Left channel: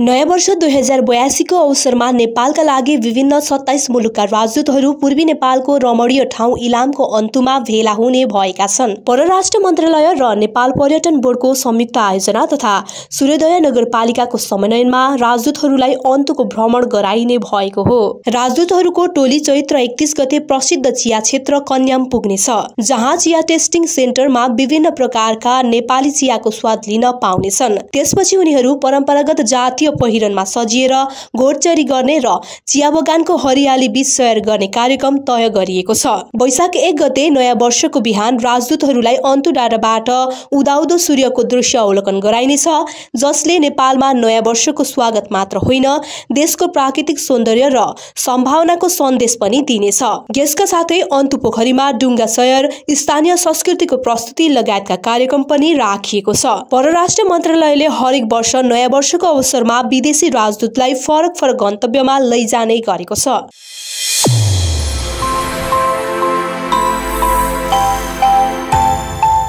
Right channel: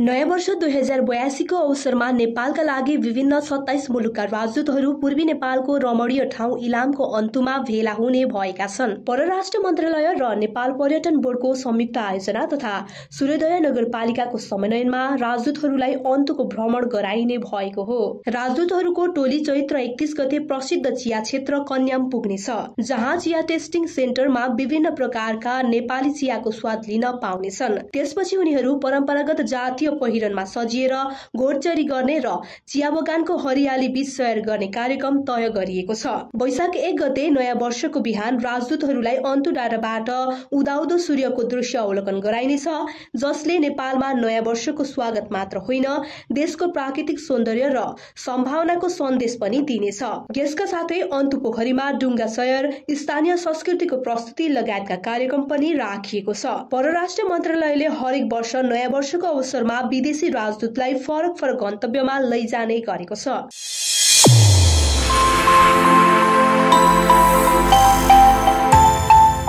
नयाँ वर्ष 2082 को अवसरमा नेपालका लागि विभिन्न 27 मुलुकका राजदूतहरू पूर्वी नेपालको रमणीय ठाउँ इलामको अन्तुमा भेला हुने भएका छन्। परराष्ट्र मन्त्रालय र नेपाल पर्यटन बोर्डको संयुक्त आयोजना तथा सूर्योदय नगरपालिकाको समन्वयमा राजदूतहरूलाई अन्तुको भ्रमण गराइने भएको हो। राजदूतहरूको टोली चैत्र 31 गते प्रसिद्ध चिया क्षेत्र कन्याम पुग्नेछ, जहाँ चिया टेस्टिङ सेन्टरमा विभिन्न प्रकारका नेपाली चियाको स्वाद लिन पाउनेछन्। त्यसपछि उनीहरू परम्परागत जातीय पहिरनमा सजिएर घोडचढी गर्ने र चिया बगानको हरियाली बीच सैर गर्ने कार्यक्रम तय गरिएको छ। वैशाख 1 गते नयाँ वर्षको बिहान राजदूतहरूलाई अन्तु डाँडाबाट उदाउँदो सूर्यको दृश्य अवलोकन गराइनेछ, जसले नेपालमा नयाँ वर्षको स्वागत मात्र होइन, देशको प्राकृतिक सौन्दर्य र सम्भावनाको सन्देश पनि दिनेछ। यसका साथै अन्तु पोखरीमा डुङ्गा सैर, स्थानीय संस्कृतिको प्रस्तुति लगायतका कार्यक्रम पनि राखिएको छ। परराष्ट्र मन्त्रालयले हरेक वर्ष नयाँ वर्षको अवसरमा विदेशी राजदूतलाई फरक गन्तव्यमा लैजाने गरेको छ।